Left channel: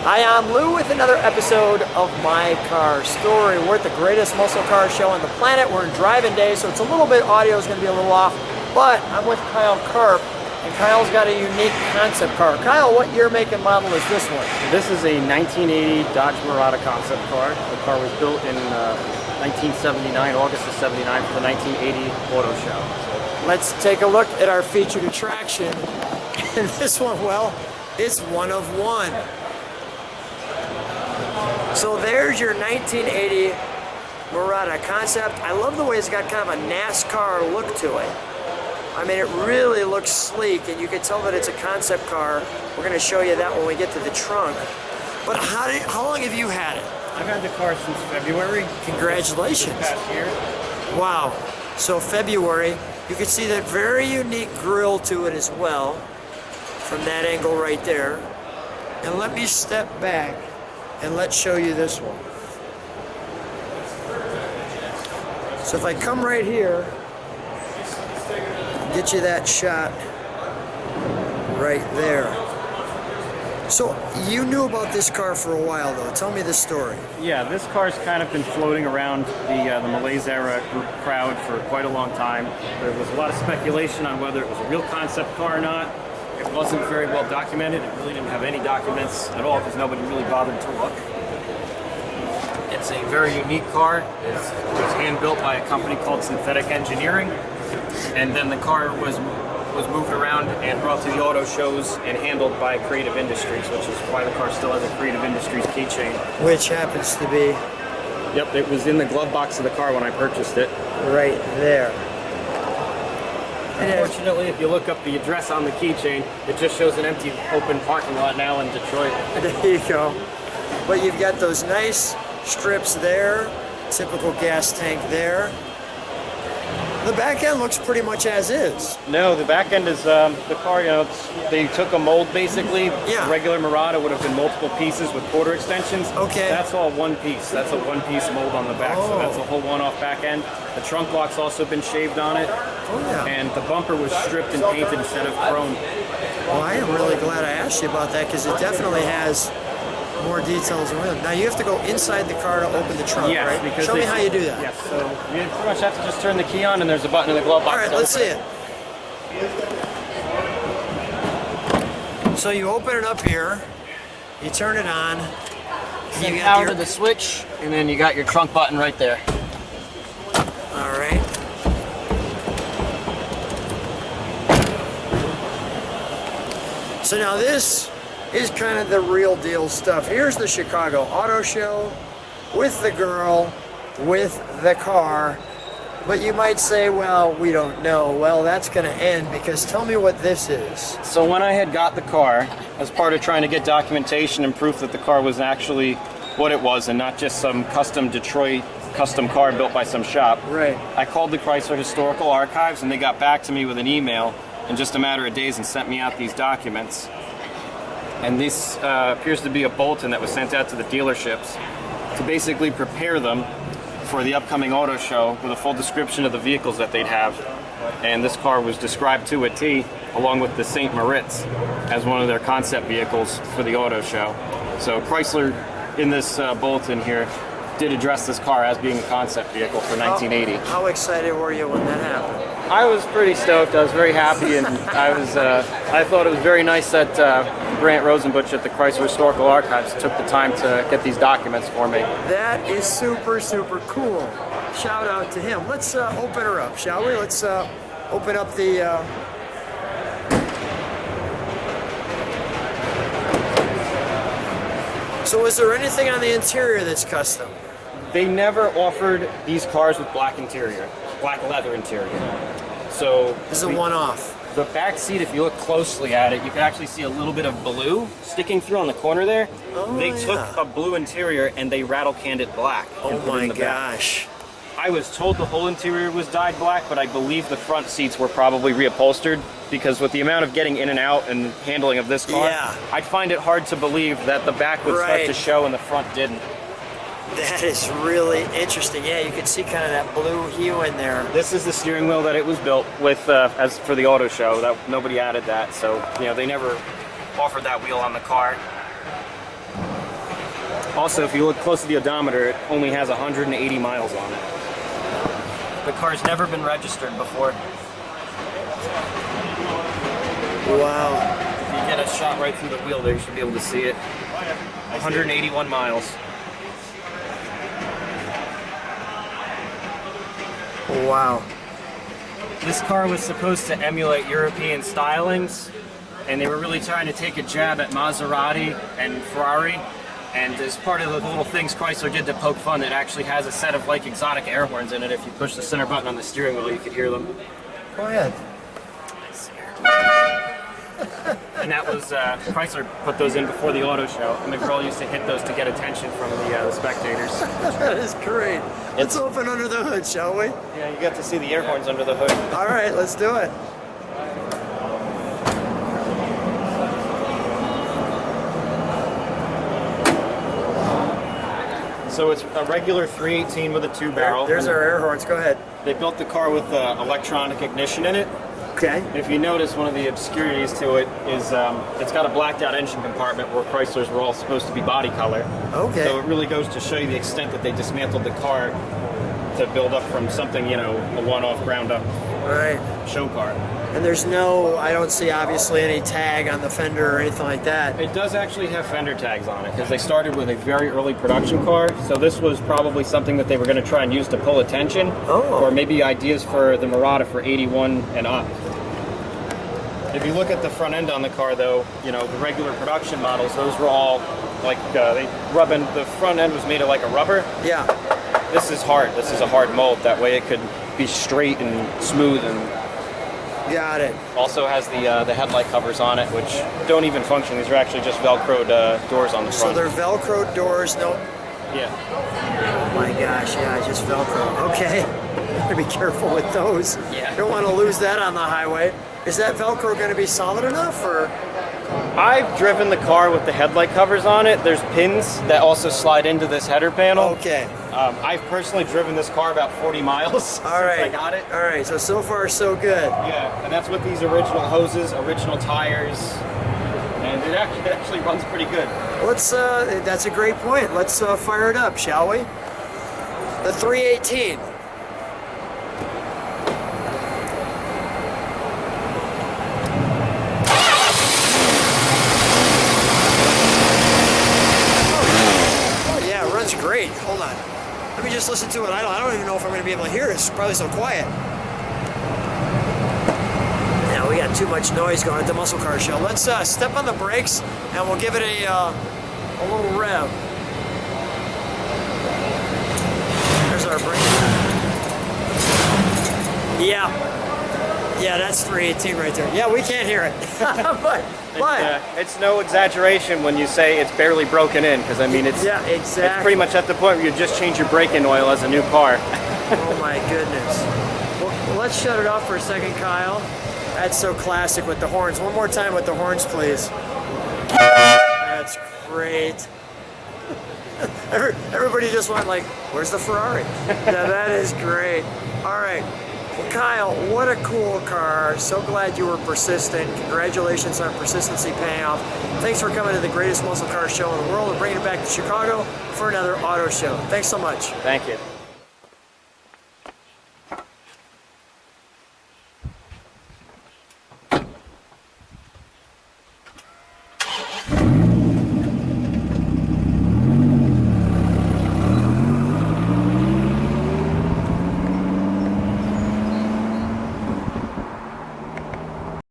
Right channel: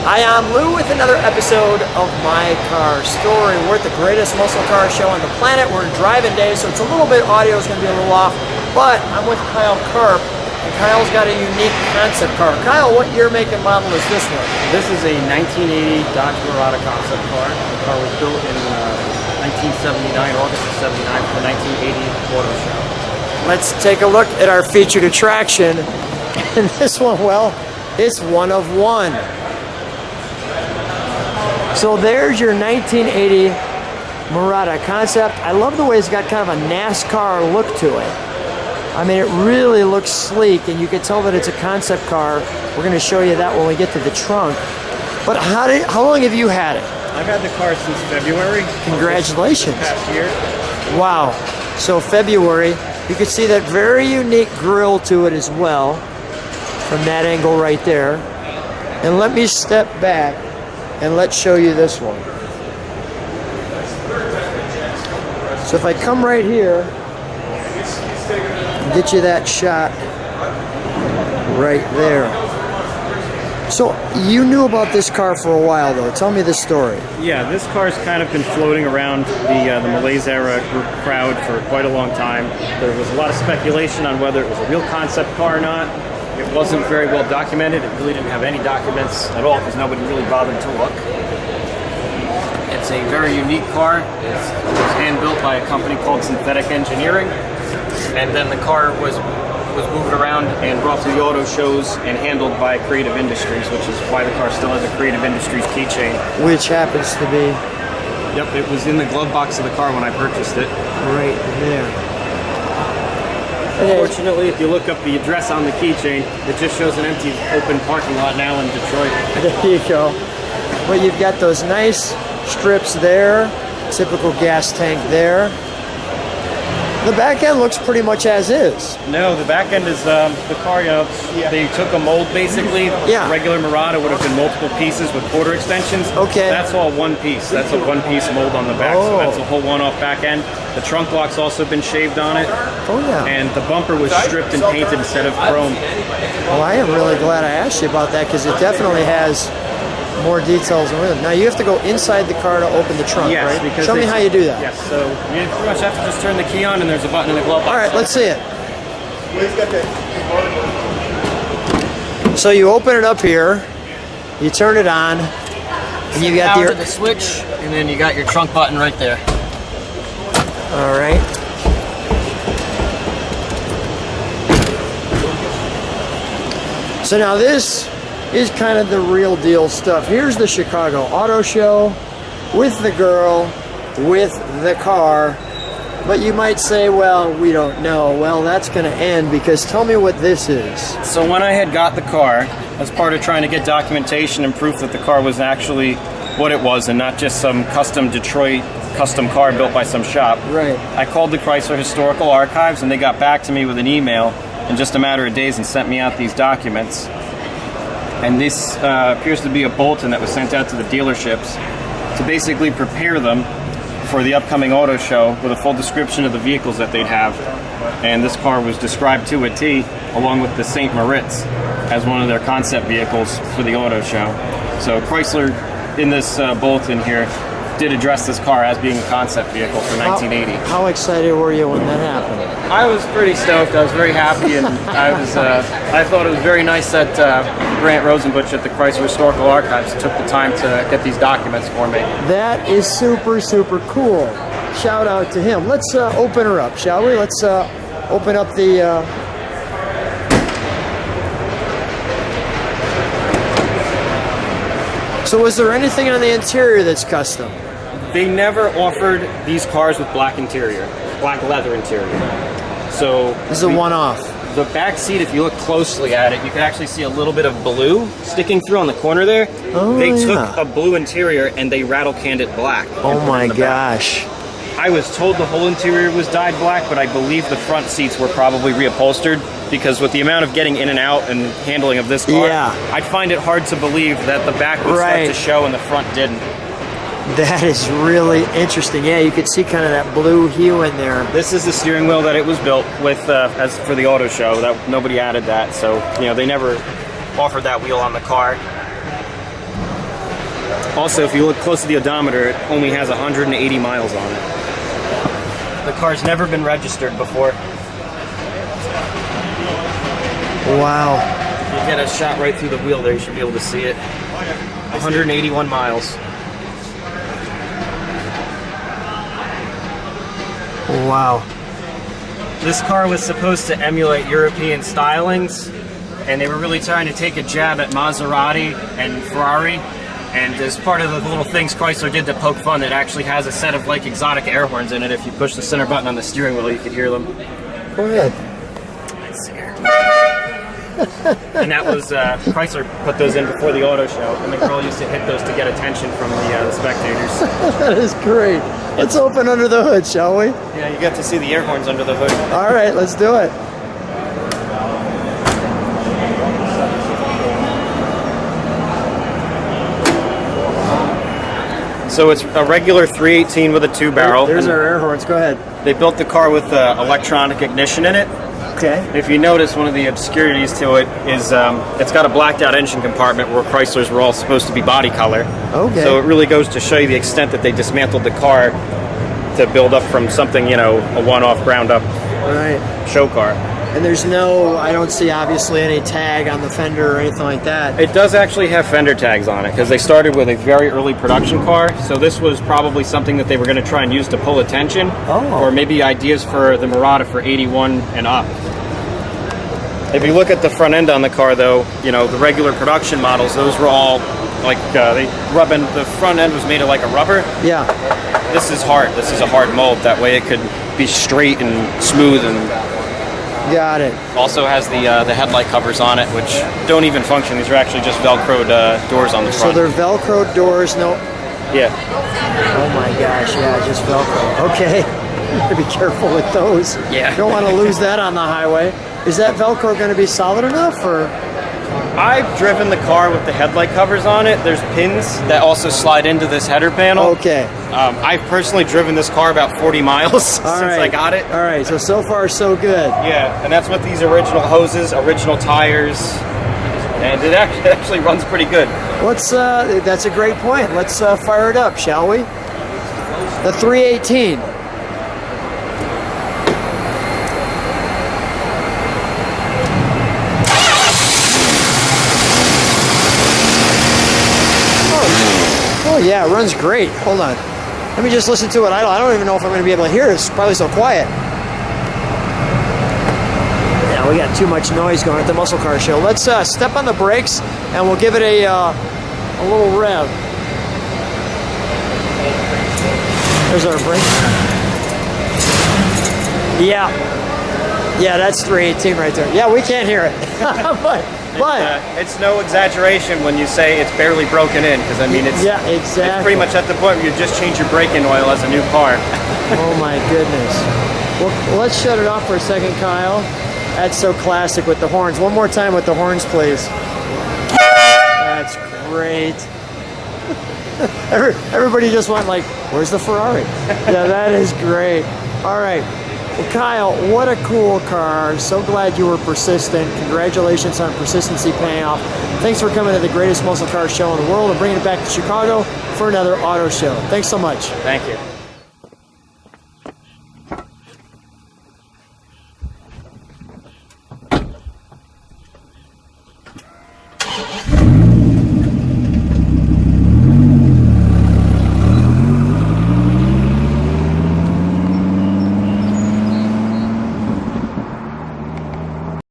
Hi, I'm Lou with another episode of My Car Story. We're at the greatest muscle car show on the planet. We're in driving day, so it's a little bit, audio is going to be a little off, but I'm with Kyle Karp, and Kyle's got a unique concept car. Kyle, what year, make, and model is this one? This is a 1980 Dodge Mirada concept car. The car was built in 1979, August of 79 for the 1980 auto show. Let's take a look at our featured attraction. And this one, well, it's one of one. So there's your 1980 Mirada concept. I love the way it's got kind of a NASCAR look to it. I mean, it really looks sleek, and you can tell that it's a concept car. We're going to show you that when we get to the trunk. But how long have you had it? I've had the car since February. Congratulations. Past year. Wow. So February, you can see that very unique grille to it as well, from that angle right there. And let me step back and let's show you this one. So if I come right here and get you that shot right there. So you knew about this car for a while though. Tell me the story. Yeah, this car's kind of been floating around the Malaise era group crowd for quite a long time. There was a lot of speculation on whether it was a real concept car or not. It wasn't very well documented. It really didn't have any documents at all because nobody really bothered to look. It's a very unique car. It was hand-built by a company called Synthetic Engineering. And then the car was moved around and brought to the auto shows and handled by Creative Industries, which is why the car still has a Creative Industries keychain. Which happens to be... Yep, it was in the glove box of the car when I purchased it. Right there. Unfortunately, if you look up the address on the keychain, it just shows an empty, open parking lot now in Detroit. There you go. Well, you've got those nice strips there, typical gas tank there. The back end looks pretty much as is. No, the back end is the car, they took a mold basically. Yeah. Regular Mirada would have been multiple pieces with quarter extensions. Okay. That's all one piece. That's a one-piece mold on the back, so that's a whole one-off back end. The trunk block's also been shaved on it. And the bumper was stripped and painted instead of chrome. Well, I am really glad I asked you about that because it definitely has more details in it. Now you have to go inside the car to open the trunk. Yes, because show me how you do that. Yes, so you pretty much have to just turn the key on, and there's a button in the glove box. All right, let's see it. So you open it up here, you turn it on, and you got power to the switch, and then you got your trunk button right there. All right. So now this is kind of the real deal stuff. Here's the Chicago Auto Show with the girl, with the car. But you might say, well, we don't know. Well, that's going to end because tell me what this is. So when I had got the car, as part of trying to get documentation and proof that the car was actually what it was and not just some custom Detroit custom car built by some shop, right, I called the Chrysler Historical Archives and they got back to me with an email in just a matter of days and sent me out these documents. And this appears to be a bulletin that was sent out to the dealerships to basically prepare them for the upcoming auto show with a full description of the vehicles that they'd have. And this car was described to a T, along with the St. Moritz, as one of their concept vehicles for the auto show. So Chrysler, in this bulletin here, did address this car as being a concept vehicle for 1980. How excited were you when that happened? I was pretty stoked. I was very happy, and I thought it was very nice that Grant Rosenbusch at the Chrysler Historical Archives took the time to get these documents for me. That is super, super cool. Shout out to him. Let's open her up, shall we? Let's open up the... So was there anything in the interior that's custom? They never offered these cars with black interior, black leather interior. So This is a one-off. The back seat, if you look closely at it, you can actually see a little bit of blue sticking through on the corner there. Oh, they yeah. took a blue interior and they rattle canned it black. Oh my gosh. I was told the whole interior was dyed black, but I believe the front seats were probably reupholstered because with the amount of getting in and out and handling of this car, yeah, I'd find it hard to believe that the back would start to show and the front didn't. That is really interesting. Yeah, you could see kind of that blue hue in there. This is the steering wheel that it was built with as for the auto show. That nobody added that, so you know they never offered that wheel on the car. Also, if you look close to the odometer, it only has 180 miles on it. The car's never been registered before. Wow. You get a shot right through the wheel there, you should be able to see it. 181 miles. Wow. This car was supposed to emulate European stylings, and they were really trying to take a jab at Maserati and Ferrari. And as part of the little things Chrysler did to poke fun, it actually has a set of like exotic air horns in it. If you push the center button on the steering wheel, you could hear them. Go ahead. And that was, Chrysler put those in before the auto show, and the girl used to hit those to get attention from the spectators. That is great. Let's open under the hood, shall we? Yeah, you get to see the air horns under the hood. All right, let's do it. So it's a regular 318 with a 2-barrel. There's our air horns. Go ahead. They built the car with electronic ignition in it. Okay. If you notice, one of the obscurities to it is it's got a blacked out engine compartment where Chryslers were all supposed to be body color. Okay. So it really goes to show you the extent that they dismantled the car to build up from something, you know, a one-off ground up Right. show car. And there's no, I don't see obviously any tag on the fender or anything like that. It does actually have fender tags on it because they started with a very early production car. So this was probably something that they were going to try and use to pull attention, or maybe ideas for the Mirada for 81 and up. If you look at the front end on the car, though, you know, the regular production models, those were all like they rubbing. The front end was made of like a rubber. Yeah. This is hard. This is a hard mold. That way, it could be straight and smooth and. Got it. Also has the headlight covers on it, which don't even function. These are actually just Velcroed doors on the front. So they're Velcro doors, no? Yeah. Oh my gosh, yeah, just Velcro. Okay. Be careful with those. Yeah. You don't want to lose that on the highway. Is that Velcro going to be solid enough? Or? I've driven the car with the headlight covers on it. There's pins that also slide into this header panel. Okay. I've personally driven this car about 40 miles since I got it. All right, so far so good. Yeah, and that's with these original hoses, original tires, and it actually runs pretty good. Let's. That's a great point. Let's fire it up, shall we? The 318. Oh yeah, it runs great. Hold on. Let me just listen to it. I don't even know if I'm going to be able to hear this. It's probably so quiet. Yeah, we got too much noise going at the muscle car show. Let's step on the brakes and we'll give it a little rev. There's our brake. Yeah, that's 318 right there. Yeah, we can't hear it. It's no exaggeration when you say it's barely broken in, because I mean it's pretty much at the point where you just change your braking oil as a new car. Oh my goodness. Well, let's shut it off for a second, Kyle. That's so classic with the horns. One more time with the horns, please. That's great. Everybody just went like, where's the Ferrari? Yeah, that is great. All right. Kyle, what a cool car. So glad you were persistent. Congratulations on persistency paying off. Thanks for coming to the greatest muscle car show in the world and bringing it back to Chicago for another auto show. Thanks so much. Thank you.